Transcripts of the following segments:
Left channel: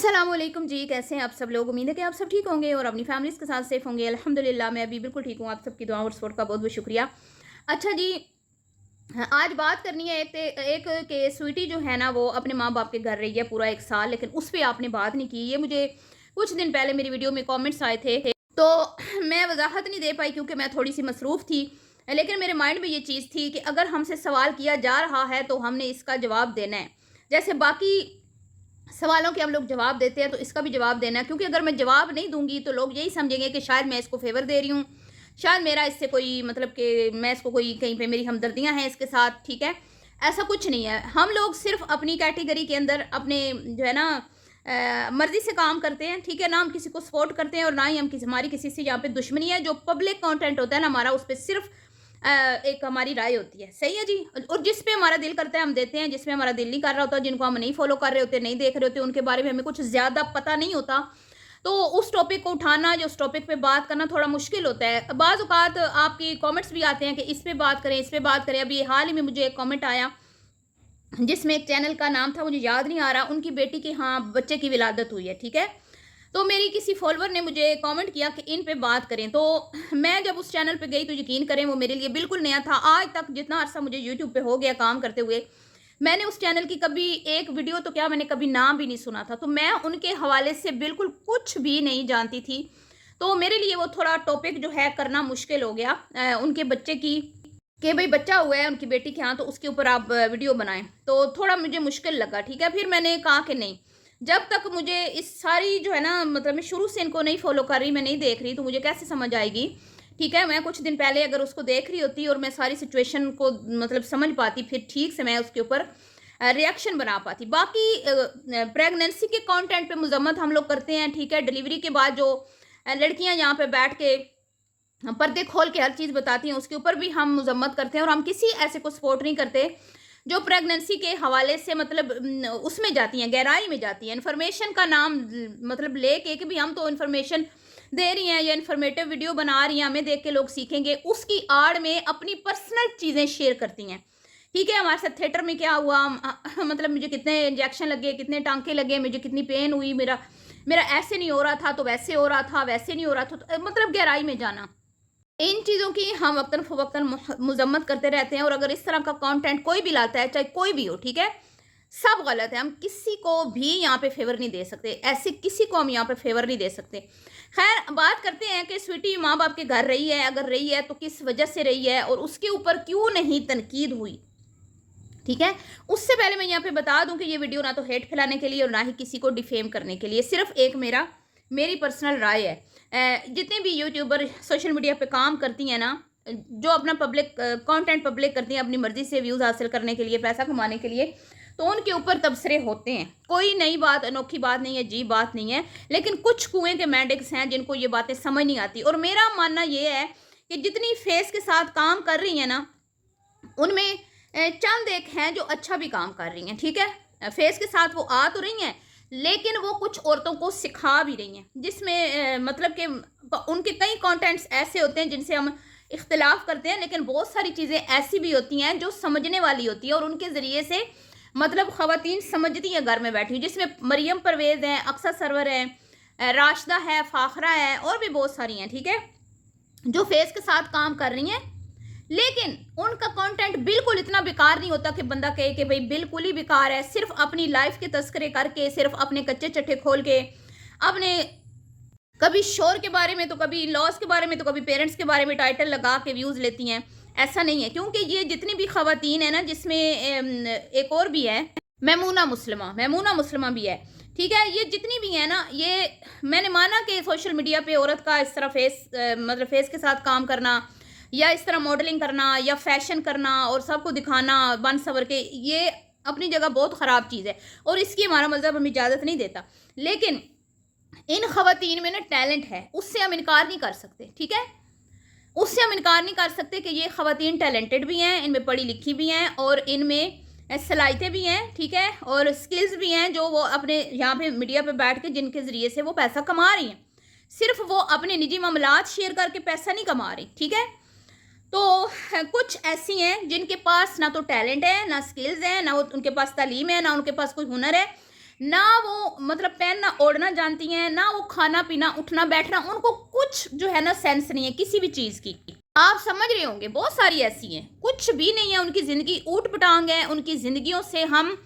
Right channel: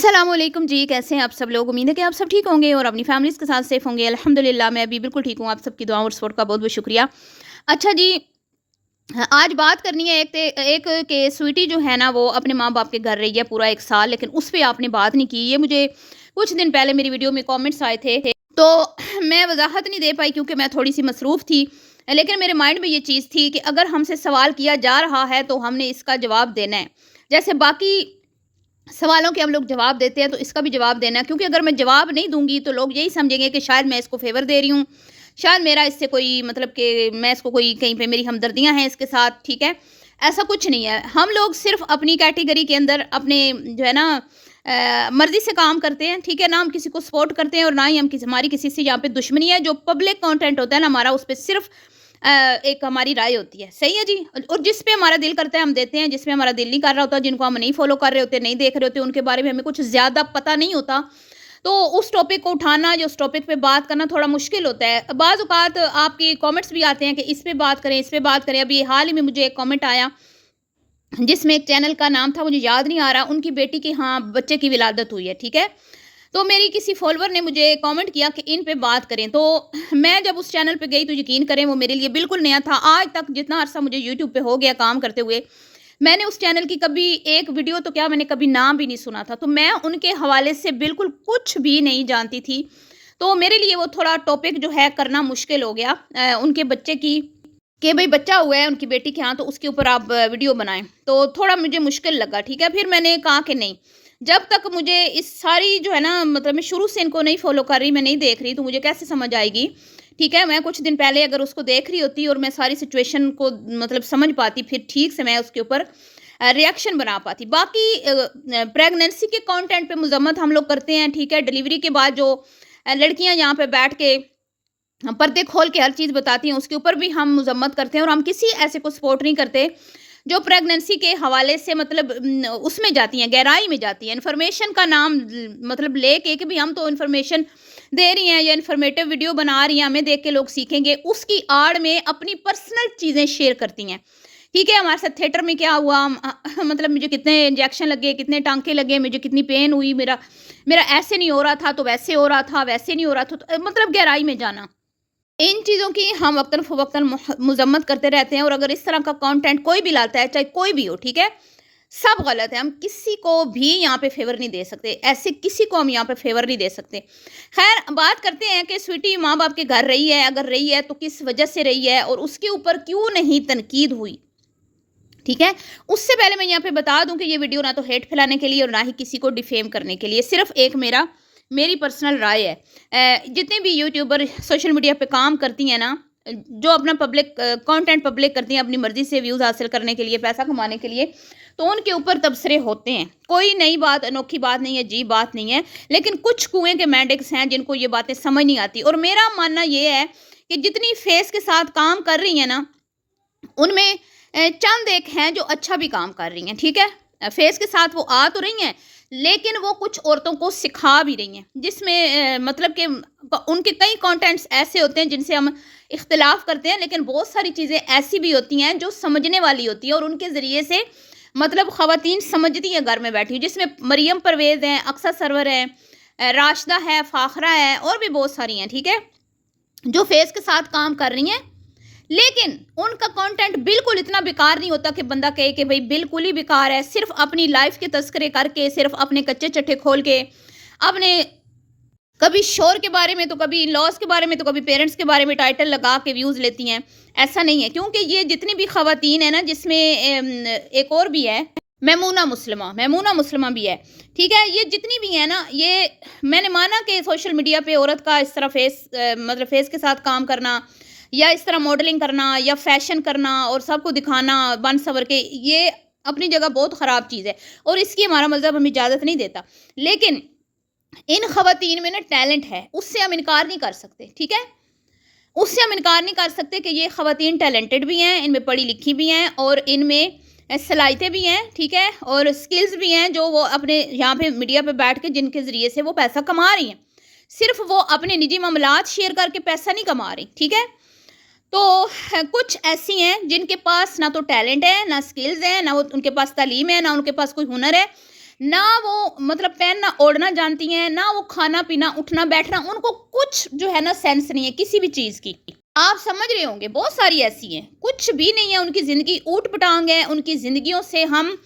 अस्सलाम वालेकुम जी, कैसे हैं आप सब लोग। उम्मीद है कि आप सब ठीक होंगे और अपनी फैमिलीज़ के साथ सेफ़ होंगे। अल्हम्दुलिल्लाह मैं भी बिल्कुल ठीक हूँ। आप सबकी दुआ और सपोर्ट का बहुत बहुत शुक्रिया। अच्छा जी, आज बात करनी है एक के स्वीटी जो है ना वो अपने माँ बाप के घर रही है पूरा 1 साल, लेकिन उस पर आपने बात नहीं की। ये मुझे कुछ दिन पहले मेरी वीडियो में कॉमेंट्स आए थे, तो मैं वजाहत नहीं दे पाई क्योंकि मैं थोड़ी सी मसरूफ़ थी। लेकिन मेरे माइंड में ये चीज़ थी कि अगर हमसे सवाल किया जा रहा है तो हमने इसका जवाब देना है। जैसे बाकी सवालों के हम लोग जवाब देते हैं तो इसका भी जवाब देना है, क्योंकि अगर मैं जवाब नहीं दूंगी तो लोग यही समझेंगे कि शायद मैं इसको फेवर दे रही हूँ, शायद मेरा इससे कोई मतलब कि मैं इसको कोई कहीं पे मेरी हमदर्दियाँ हैं इसके साथ। ठीक है, ऐसा कुछ नहीं है। हम लोग सिर्फ अपनी कैटेगरी के अंदर अपने जो है ना मर्जी से काम करते हैं। ठीक है ना, हम किसी को सपोर्ट करते हैं और ना ही हम हमारी किसी से यहाँ पे दुश्मनी है। जो पब्लिक कंटेंट होता है ना हमारा, उस पर सिर्फ एक हमारी राय होती है। सही है जी। और जिस पे हमारा दिल करता है हम देते हैं, जिस पे हमारा दिल नहीं कर रहा होता, जिनको हम नहीं फॉलो कर रहे होते, नहीं देख रहे होते, उनके बारे में हमें कुछ ज़्यादा पता नहीं होता, तो उस टॉपिक को उठाना या उस टॉपिक पे बात करना थोड़ा मुश्किल होता है। बाज़ औक़ात आपके कमेंट्स भी आते हैं कि इस पे बात करें, इस पे बात करें। अभी हाल ही में मुझे एक कमेंट आया जिसमें एक चैनल का नाम था, मुझे याद नहीं आ रहा, उनकी बेटी की हाँ बच्चे की विलादत हुई है। ठीक है, तो मेरी किसी फॉलोवर ने मुझे कमेंट किया कि इन पे बात करें। तो मैं जब उस चैनल पे गई तो यकीन करें वो मेरे लिए बिल्कुल नया था। आज तक जितना अरसा मुझे यूट्यूब पे हो गया काम करते हुए, मैंने उस चैनल की कभी एक वीडियो तो क्या, मैंने कभी नाम भी नहीं सुना था। तो मैं उनके हवाले से बिल्कुल कुछ भी नहीं जानती थी। तो मेरे लिए वो थोड़ा टॉपिक जो है करना मुश्किल हो गया। उनके बच्चे की कि भई बच्चा हुआ है उनकी बेटी के यहाँ, तो उसके ऊपर आप वीडियो बनाएँ, तो थोड़ा मुझे मुश्किल लगा। ठीक है, फिर मैंने कहा कि नहीं, जब तक मुझे इस सारी जो है ना मतलब मैं शुरू से इनको नहीं फ़ॉलो कर रही, मैं नहीं देख रही, तो मुझे कैसे समझ आएगी। ठीक है, मैं कुछ दिन पहले अगर उसको देख रही होती और मैं सारी सिचुएशन को मतलब समझ पाती, फिर ठीक से मैं उसके ऊपर रिएक्शन बना पाती। बाकी प्रेगनेंसी के कंटेंट पे मज़म्मत हम लोग करते हैं। ठीक है, डिलीवरी के बाद जो लड़कियाँ यहाँ पे बैठ के पर्दे खोल के हर चीज़ बताती हैं, उसके ऊपर भी हम मज़म्मत करते हैं और हम किसी ऐसे को सपोर्ट नहीं करते जो प्रेगनेंसी के हवाले से मतलब उसमें जाती हैं, गहराई में जाती हैं। इन्फॉर्मेशन का नाम मतलब लेके कि भी हम तो इन्फॉर्मेशन दे रही हैं या इन्फॉर्मेटिव वीडियो बना रही हैं, हमें देख के लोग सीखेंगे, उसकी आड़ में अपनी पर्सनल चीज़ें शेयर करती हैं। ठीक है, हमारे साथ थिएटर में क्या हुआ, मतलब मुझे कितने इंजेक्शन लगे, कितने टाँके लगे, मुझे कितनी पेन हुई, मेरा मेरा ऐसे नहीं हो रहा था तो वैसे हो रहा था, वैसे नहीं हो रहा था, तो मतलब गहराई में जाना। इन चीज़ों की हम वक़्तन-फ़वक़्तन मज़म्मत करते रहते हैं और अगर इस तरह का कंटेंट कोई भी लाता है, चाहे कोई भी हो, ठीक है? सब गलत है। हम किसी को भी यहाँ पे फ़ेवर नहीं दे सकते। ऐसे किसी को हम यहाँ पे फ़ेवर नहीं दे सकते। ख़ैर, बात करते हैं कि स्वीटी माँ-बाप के घर रही है, अगर रही है तो किस वजह से रही है और उसके ऊपर क्यों नहीं तनकीद हुई, ठीक है? उससे पहले मैं यहाँ पे बता दूँ कि ये वीडियो ना तो हेट फैलाने के लिए और ना ही किसी को डिफ़ेम करने के लिए, सिर्फ़ एक मेरी पर्सनल राय है। जितने भी यूट्यूबर सोशल मीडिया पे काम करती हैं ना, जो अपना पब्लिक कंटेंट पब्लिक करती हैं अपनी मर्ज़ी से व्यूज़ हासिल करने के लिए, पैसा कमाने के लिए, तो उनके ऊपर तबसरे होते हैं। कोई नई बात, अनोखी बात नहीं है, अजीब बात नहीं है। लेकिन कुछ कुएँ के मेंढक्स हैं जिनको ये बातें समझ नहीं आती और मेरा मानना ये है कि जितनी फेस के साथ काम कर रही हैं ना, उनमें चंद एक हैं जो अच्छा भी काम कर रही हैं। ठीक है, फेस के साथ वो आ तो रही हैं, लेकिन वो कुछ औरतों को सिखा भी रही हैं, जिसमें मतलब कि उनके कई कंटेंट्स ऐसे होते हैं जिनसे हम इख्तिलाफ करते हैं, लेकिन बहुत सारी चीज़ें ऐसी भी होती हैं जो समझने वाली होती हैं और उनके ज़रिए से मतलब ख़वातीन समझती हैं घर में बैठी हुई, जिसमें मरियम परवेज़ हैं, अक्सा सरवर है, राशिदा है, फ़ाखरा है और भी बहुत सारी हैं। ठीक है, जो फेस के साथ काम कर रही हैं, लेकिन उनका कंटेंट बिल्कुल इतना बेकार नहीं होता कि बंदा कहे कि भाई बिल्कुल ही बेकार है। सिर्फ अपनी लाइफ के तस्करे करके, सिर्फ अपने कच्चे चट्टे खोल के, अपने कभी शोर के बारे में तो कभी लॉस के बारे में तो कभी पेरेंट्स के बारे में टाइटल लगा के व्यूज़ लेती हैं। ऐसा नहीं है, क्योंकि ये जितनी भी खवातीन है ना, जिसमें एक और भी है, मेमूना मुस्लिमा भी है। ठीक है, ये जितनी भी है ना, ये मैंने माना कि सोशल मीडिया पे औरत का इस तरह मतलब फेस के साथ काम करना या इस तरह मॉडलिंग करना या फैशन करना और सबको दिखाना बन सवर के, ये अपनी जगह बहुत ख़राब चीज़ है और इसकी हमारा मज़हब हमें इजाज़त नहीं देता। लेकिन इन खवातीन में ना टैलेंट है, उससे हम इनकार नहीं कर सकते। ठीक है, उससे हम इनकार नहीं कर सकते कि ये खवातीन टैलेंटेड भी हैं, इनमें पढ़ी लिखी भी हैं और इनमें सलाहियतें भी हैं। ठीक है, और स्किल्स भी हैं जो वो अपने यहाँ पे मीडिया पे बैठ के जिनके ज़रिए से वो पैसा कमा रही हैं। सिर्फ वो अपने निजी मामलात शेयर करके पैसा नहीं कमा रही। ठीक है, तो कुछ ऐसी हैं जिनके पास ना तो टैलेंट है, ना स्किल्स हैं, ना उनके पास तालीम है, ना उनके पास कोई हुनर है, ना वो मतलब पहनना ओढ़ना जानती हैं, ना वो खाना पीना उठना बैठना, उनको कुछ जो है ना सेंस नहीं है किसी भी चीज़ की। आप समझ रहे होंगे बहुत सारी ऐसी हैं, कुछ भी नहीं है उनकी ज़िंदगी, ऊट पटांग है उनकी ज़िंदगियों से। हम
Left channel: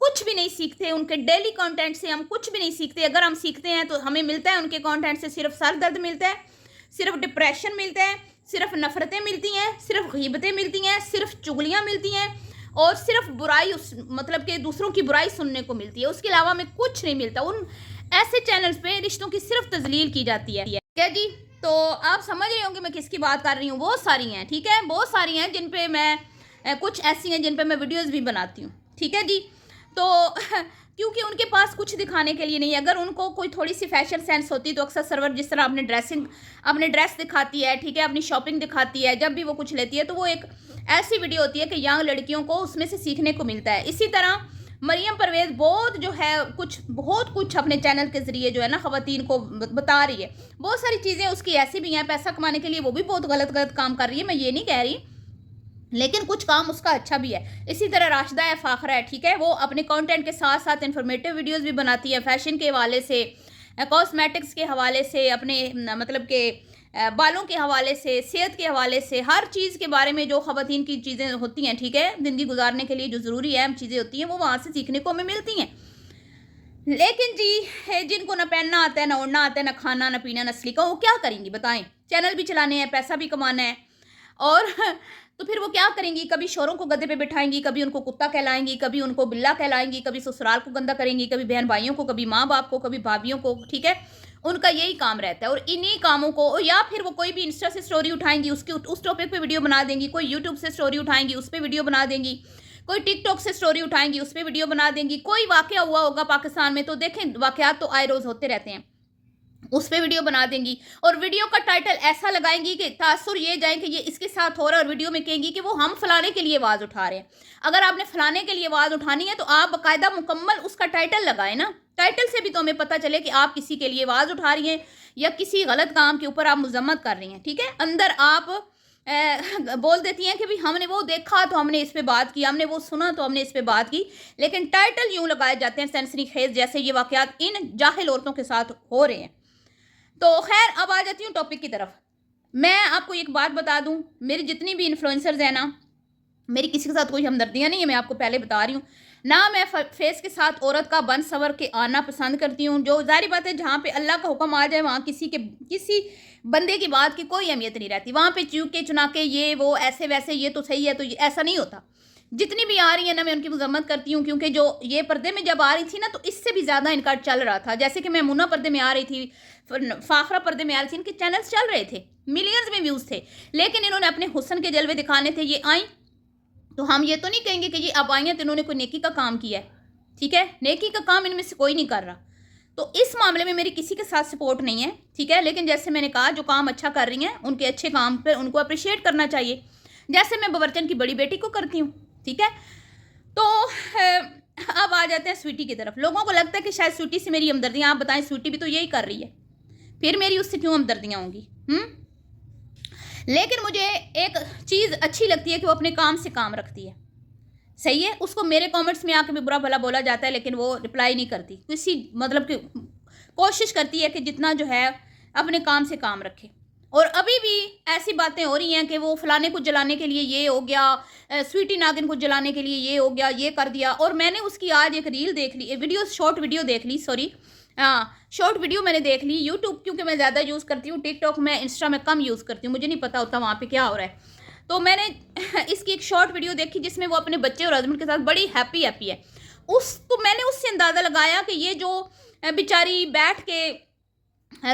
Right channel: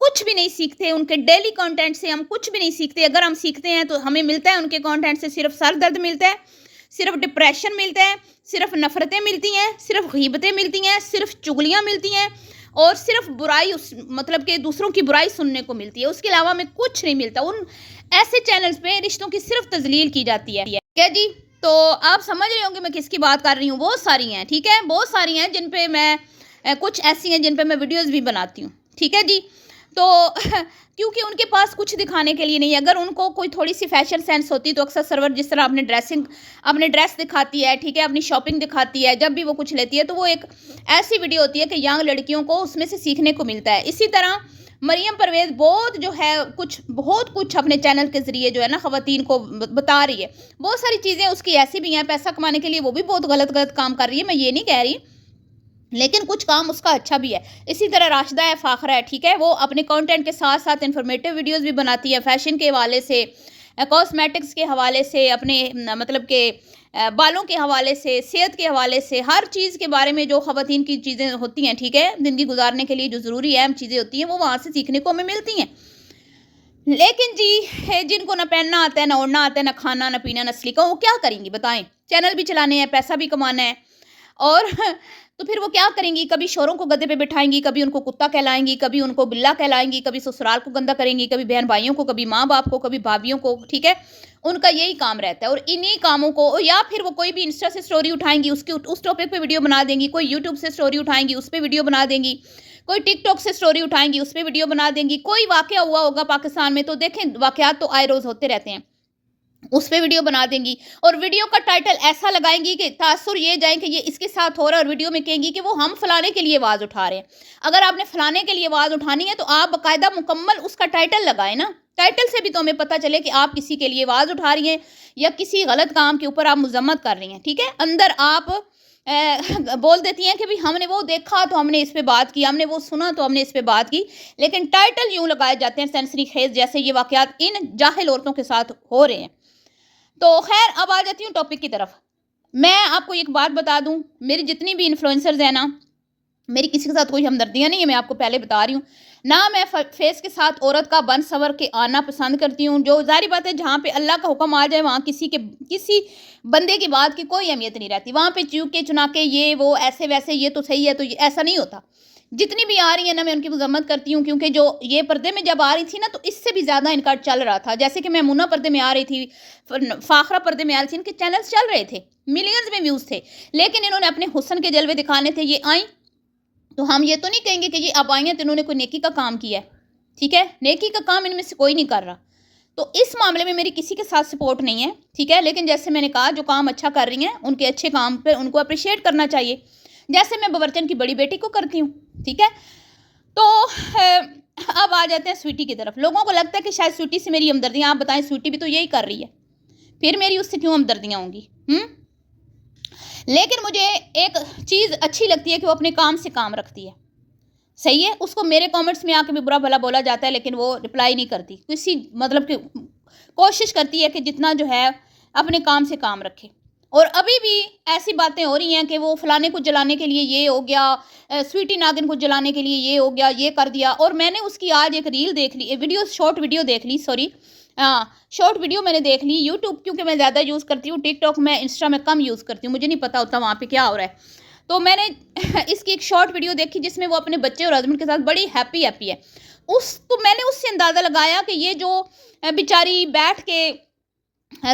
कुछ भी नहीं सीखते, उनके डेली कंटेंट से हम कुछ भी नहीं सीखते। अगर हम सीखते हैं तो हमें मिलता है उनके कंटेंट से सिर्फ सर दर्द मिलता है, सिर्फ डिप्रेशन मिलता है, सिर्फ नफ़रतें मिलती हैं, सिर्फ गीबतें मिलती हैं, सिर्फ चुगलियाँ मिलती हैं और सिर्फ बुराई उस मतलब कि दूसरों की बुराई सुनने को मिलती है। उसके अलावा हमें कुछ नहीं मिलता। उन ऐसे चैनल्स पे रिश्तों की सिर्फ तजलील की जाती है। क्या जी? तो आप समझ रहे होंगे मैं किसकी बात कर रही हूँ। बहुत सारी हैं, ठीक है, बहुत सारी हैं जिन पे मैं कुछ ऐसी हैं जिन पे मैं वीडियोस भी बनाती हूँ, ठीक है जी। तो क्योंकि उनके पास कुछ दिखाने के लिए नहीं है। अगर उनको कोई थोड़ी सी फैशन सेंस होती तो अक्सर सर्वर जिस तरह अपने ड्रेस दिखाती है, ठीक है, अपनी शॉपिंग दिखाती है, जब भी वो कुछ लेती है तो वो एक ऐसी वीडियो होती है कि यंग लड़कियों को उसमें से सीखने को मिलता है। इसी तरह मरियम परवेज़ बहुत कुछ अपने चैनल के ज़रिए जो है ना ख़वातीन को बता रही है। बहुत सारी चीज़ें उसकी ऐसी भी हैं, पैसा कमाने के लिए वो भी बहुत गलत काम कर रही है, मैं ये नहीं कह रही, लेकिन कुछ काम उसका अच्छा भी है। इसी तरह राशिदा है, फ़ाखरा है, ठीक है, वो अपने कंटेंट के साथ साथ इन्फॉर्मेटिव वीडियोस भी बनाती है, फैशन के हवाले से, कॉस्मेटिक्स के हवाले से, अपने मतलब के बालों के हवाले से, सेहत के हवाले से, हर चीज़ के बारे में जो ख़वातीन की चीज़ें होती हैं, ठीक है, ज़िंदगी गुजारने के लिए जो ज़रूरी अहम चीज़ें होती हैं वो वहाँ से सीखने को हमें मिलती हैं। लेकिन जी जिनको ना पहनना आता है, ना ओढ़ना आता है, ना खाना, ना पीना, ना सलीका, वो क्या करेंगी बताएं? चैनल भी चलाने हैं, पैसा भी कमाना है और तो फिर वो क्या करेंगी? कभी शौहरों को गद्दे पे बिठाएंगी, कभी उनको कुत्ता कहलाएंगी, कभी उनको बिल्ला कहलाएंगी, कभी ससुराल को गंदा करेंगी, कभी बहन भाइयों को, कभी माँ बाप को, कभी भाभियों को, ठीक है, उनका यही काम रहता है। और इन्हीं कामों को, या फिर वो कोई भी इंस्टा से स्टोरी उठाएंगी, उसकी उस टॉपिक पे वीडियो बना देंगी, कोई यूट्यूब से स्टोरी उठाएंगी, उस पर वीडियो बना देंगी, कोई टिकटॉक से स्टोरी उठाएंगी, उस पर वीडियो बना देंगी, कोई वाकया हुआ होगा पाकिस्तान में तो देखें, वाकयात तो आए रोज़ होते रहते हैं, उस पे वीडियो बना देंगी और वीडियो का टाइटल ऐसा लगाएंगी कि तासुर ये जाए कि ये इसके साथ हो रहा है, और वीडियो में कहेंगी कि वो हम फलाने के लिए आवाज़ उठा रहे हैं। अगर आपने फलाने के लिए आवाज़ उठानी है तो आप बाकायदा मुकम्मल उसका टाइटल लगाएं ना, टाइटल से भी तो हमें पता चले कि आप किसी के लिए आवाज़ उठा रही हैं या किसी गलत काम के ऊपर आप मजम्मत कर रही हैं, ठीक है। अंदर आप बोल देती हैं कि भाई हमने वो देखा तो हमने इस पे बात की, हमने वो सुना तो हमने इस पे बात की, लेकिन टाइटल यूँ लगाए जाते हैं सेंसरी खेज जैसे ये वाकयात इन जाहिल औरतों के साथ हो रहे हैं। तो खैर अब आ जाती हूँ टॉपिक की तरफ। मैं आपको एक बात बता दूँ, मेरी जितनी भी इन्फ्लुएंसर्स हैं ना, मेरी किसी के साथ कोई हमदर्दियाँ नहीं है, मैं आपको पहले बता रही हूँ ना। मैं फेस के साथ औरत का बन सवर के आना पसंद करती हूँ। जो ज़ाहिर बात है, जहाँ पे अल्लाह का हुक्म आ जाए वहाँ किसी बंदे की बात की कोई अहमियत नहीं रहती। वहाँ पे चूके चुना के ये वो ऐसे वैसे, ये तो सही है तो ये ऐसा नहीं होता। जितनी भी आ रही है ना, मैं उनकी मजम्मत करती हूँ, क्योंकि जो ये पर्दे में जब आ रही थी ना तो इससे भी ज़्यादा इनका चल रहा था। जैसे कि मैमूना पर्दे में आ रही थी, फ़ाखरा पर्दे में आ रही थी, इनके चैनल्स चल रहे थे, मिलियंस में व्यूज़ थे, लेकिन इन्होंने अपने हुस्न के जलवे दिखाने थे, ये आई। तो हम ये तो नहीं कहेंगे कि ये अब आई हैं तो इन्होंने कोई नेकी का काम किया है, ठीक है, नेकी का काम इनमें से कोई नहीं कर रहा। तो इस मामले में मेरी किसी के साथ सपोर्ट नहीं है, ठीक है। लेकिन जैसे मैंने कहा, जो काम अच्छा कर रही हैं उनके अच्छे काम पर उनको अप्रिशिएट करना चाहिए, जैसे मैं बबरचन की बड़ी बेटी को करती हूँ, ठीक है। तो अब आ जाते हैं स्वीटी की तरफ। लोगों को लगता है कि शायद स्वीटी से मेरी हमदर्दियाँ, आप बताएं, स्वीटी भी तो यही कर रही है, फिर मेरी उससे क्यों हमदर्दियाँ होंगी? लेकिन मुझे एक चीज़ अच्छी लगती है कि वो अपने काम से काम रखती है, सही है। उसको मेरे कमेंट्स में आके भी बुरा भला बोला जाता है, लेकिन वो रिप्लाई नहीं करती, किसी मतलब कि कोशिश करती है कि जितना जो है अपने काम से काम रखे। और अभी भी ऐसी बातें हो रही हैं कि वो फलाने को जलाने के लिए ये हो गया, स्वीटी नागिन को जलाने के लिए ये हो गया, ये कर दिया। और मैंने उसकी आज एक रील देख ली, वीडियो शॉर्ट वीडियो देख ली, सॉरी शॉर्ट वीडियो मैंने देख ली। यूट्यूब क्योंकि मैं ज़्यादा यूज़ करती हूँ, टिकटॉक मैं इंस्टा में कम यूज़ करती हूँ, मुझे नहीं पता होता वहाँ पे क्या हो रहा है। तो मैंने इसकी एक शॉर्ट वीडियो देखी जिसमें वो अपने बच्चे और हस्बैंड के साथ बड़ी हैप्पी है। उसको मैंने उससे अंदाज़ा लगाया कि ये जो बेचारी बैठ के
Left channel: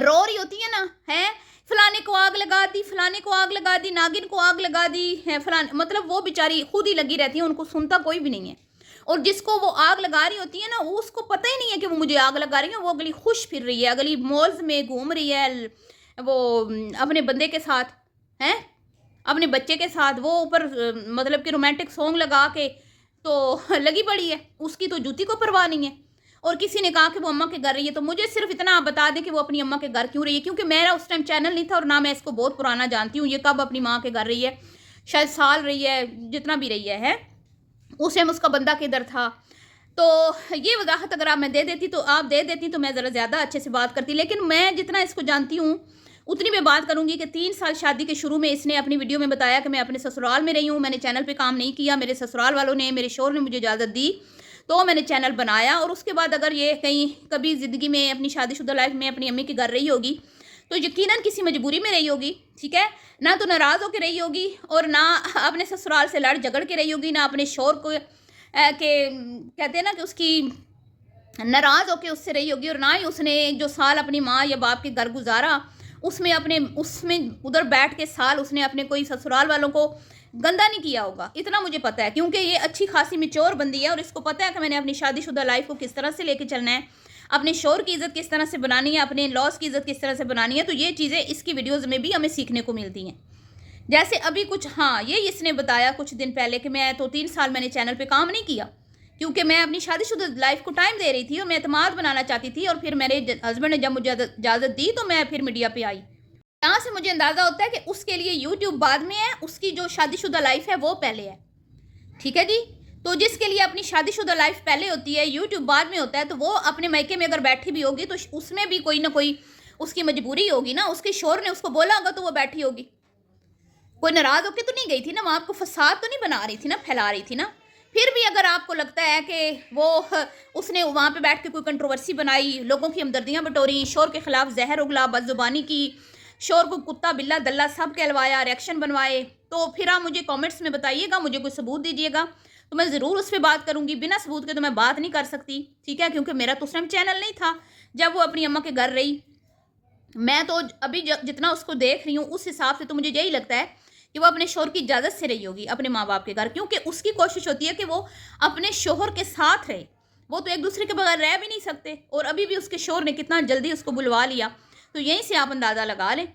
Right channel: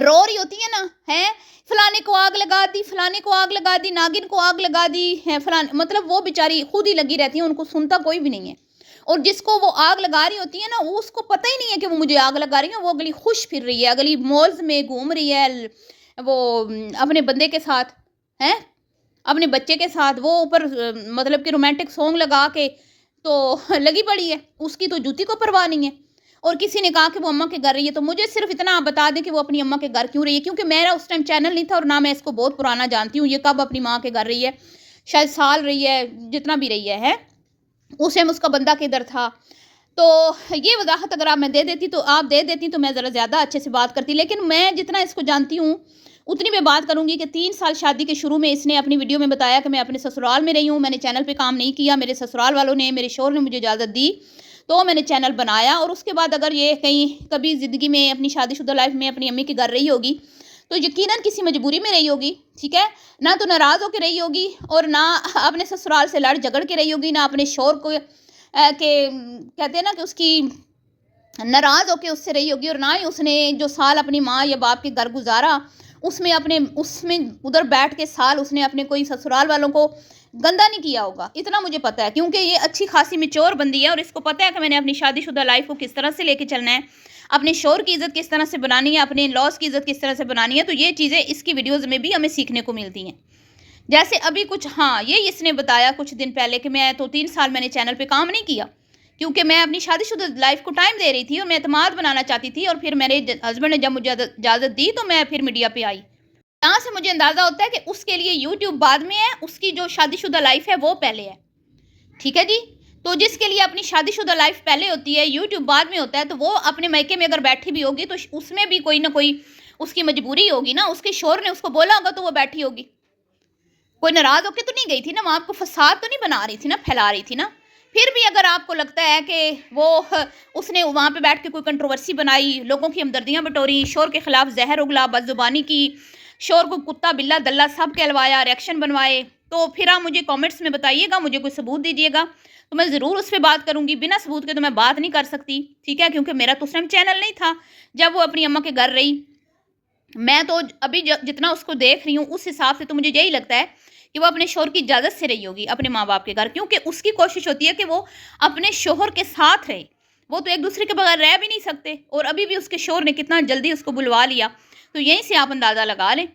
रो रही होती है ना, है फलाने को आग लगा दी, फलाने को आग लगा दी, नागिन को आग लगा दी है फलाने, मतलब वो बेचारी खुद ही लगी रहती है, उनको सुनता कोई भी नहीं है। और जिसको वो आग लगा रही होती है ना, वो उसको पता ही नहीं है कि वो मुझे आग लगा रही है। वो अगली खुश फिर रही है, अगली मॉल्स में घूम रही है, वो अपने बंदे के साथ है, अपने बच्चे के साथ, वो ऊपर मतलब कि रोमांटिक सॉन्ग लगा के तो लगी पड़ी है, उसकी तो जूती को परवाह नहीं है। और किसी ने कहा कि वो अम्मा के घर रही है, तो मुझे सिर्फ इतना आप बता दें कि वो अपनी अम्मा के घर क्यों रही है, क्योंकि मेरा उस टाइम चैनल नहीं था और ना मैं इसको बहुत पुराना जानती हूँ। ये कब अपनी माँ के घर रही है, शायद साल रही है, जितना भी रही है उस टाइम उसका बंदा किधर था। تو یہ وضاحت اگر آپ میں دے دیتی تو آپ دے دیتی تو میں ذرا زیادہ اچھے سے بات کرتی، لیکن میں جتنا اس کو جانتی ہوں اتنی میں بات کروں گی کہ 3 سال شادی کے شروع میں اس نے اپنی ویڈیو میں بتایا کہ میں اپنے سسرال میں رہی ہوں، میں نے چینل پہ کام نہیں کیا، میرے سسرال والوں نے، میرے شوہر نے مجھے اجازت دی تو میں نے چینل بنایا، اور اس کے بعد اگر یہ کہیں کبھی زندگی میں اپنی شادی شدہ لائف میں اپنی امی کے گھر رہی ہوگی تو یقیناً کسی مجبوری میں رہی ہوگی، ٹھیک ہے، نہ تو ناراض ہو کے رہی ہوگی اور نہ اپنے سسرال سے لڑ جھگڑ کے رہی ہوگی، نہ اپنے شوہر کو کہ کہتے ہیں نا کہ اس کی ناراض ہو کے اس سے رہی ہوگی، اور نہ ہی اس نے جو سال اپنی ماں یا باپ کے گھر گزارا اس میں ادھر بیٹھ کے سال اس نے اپنے کوئی سسرال والوں کو گندا نہیں کیا ہوگا، اتنا مجھے پتہ ہے، کیونکہ یہ اچھی خاصی میچور بندی ہے اور اس کو پتہ ہے کہ میں نے اپنی شادی شدہ لائف کو کس طرح سے لے کے چلنا ہے، اپنے شوہر کی عزت کس طرح سے بنانی ہے، اپنے لاس کی عزت کس طرح سے بنانی ہے، تو یہ چیزیں اس کی ویڈیوز میں بھی ہمیں سیکھنے کو ملتی ہیں۔ جیسے ابھی کچھ یہی اس نے بتایا کچھ دن پہلے کہ میں تو 3 سال میں نے چینل پہ کام نہیں کیا کیونکہ میں اپنی شادی شدہ لائف کو ٹائم دے رہی تھی اور میں اعتماد بنانا چاہتی تھی، اور پھر میرے ہسبینڈ نے جب مجھے اجازت دی تو میں پھر میڈیا پہ آئی۔ یہاں سے مجھے اندازہ ہوتا ہے کہ اس کے لیے یوٹیوب بعد میں ہے، اس کی جو شادی شدہ لائف ہے وہ پہلے ہے، ٹھیک ہے جی۔ تو جس کے لیے اپنی شادی شدہ لائف پہلے ہوتی ہے، یوٹیوب بعد میں ہوتا ہے، تو وہ اپنے میکے میں اگر بیٹھی بھی ہوگی تو اس میں بھی کوئی نہ کوئی اس کی مجبوری ہوگی نا، اس کے شوہر نے اس کو بولا ہوگا تو وہ بیٹھی ہوگی، کوئی ناراض ہو کے تو نہیں گئی تھی نا، وہ آپ کو فساد تو نہیں بنا رہی تھی نا، پھیلا رہی تھی نا۔ پھر بھی اگر آپ کو لگتا ہے کہ وہ اس نے وہاں پہ بیٹھ کے کوئی کنٹروورسی بنائی، لوگوں کی ہمدردیاں بٹوری، شور کے خلاف زہر اگلا، بد زبانی کی، شور کو کتا بلا دلہ سب کہلوایا، ریاکشن بنوائے، تو پھر آپ مجھے کامنٹس میں بتائیے گا، مجھے کوئی ثبوت دیجیے گا تو میں ضرور اس پہ بات کروں گی، بنا ثبوت کے تو میں بات نہیں کر سکتی، ٹھیک ہے، کیونکہ میرا تو اس ٹائم چینل نہیں تھا جب وہ اپنی اماں کے گھر رہی۔ میں تو ابھی جتنا اس کو دیکھ رہی ہوں اس حساب سے تو مجھے یہی لگتا ہے کہ وہ اپنے شوہر کی اجازت سے رہی ہوگی اپنے ماں باپ کے گھر، کیونکہ اس کی کوشش ہوتی ہے کہ وہ اپنے شوہر کے ساتھ رہے، وہ تو ایک دوسرے کے بغیر رہ بھی نہیں سکتے، اور ابھی بھی اس کے شوہر نے کتنا جلدی اس کو بلوا لیا، تو یہیں سے آپ اندازہ لگا لیں،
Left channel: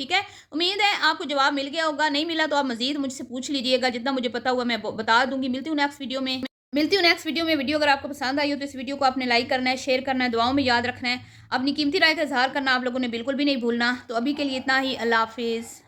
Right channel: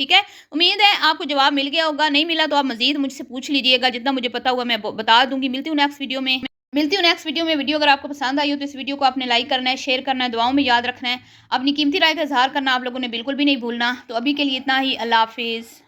ٹھیک ہے۔ امید ہے آپ کو جواب مل گیا ہوگا، نہیں ملا تو آپ مزید مجھ سے پوچھ لیجئے گا، جتنا مجھے پتا ہوا میں بتا دوں گی۔ ملتی ہوں نیکسٹ ویڈیو میں۔ ویڈیو اگر آپ کو پسند آئی ہو تو اس ویڈیو کو آپ نے لائک کرنا ہے، شیئر کرنا ہے، دعاؤں میں یاد رکھنا ہے، اپنی قیمتی رائے کا اظہار کرنا آپ لوگوں نے بالکل بھی نہیں بھولنا۔ تو ابھی کے لیے اتنا ہی، اللہ حافظ۔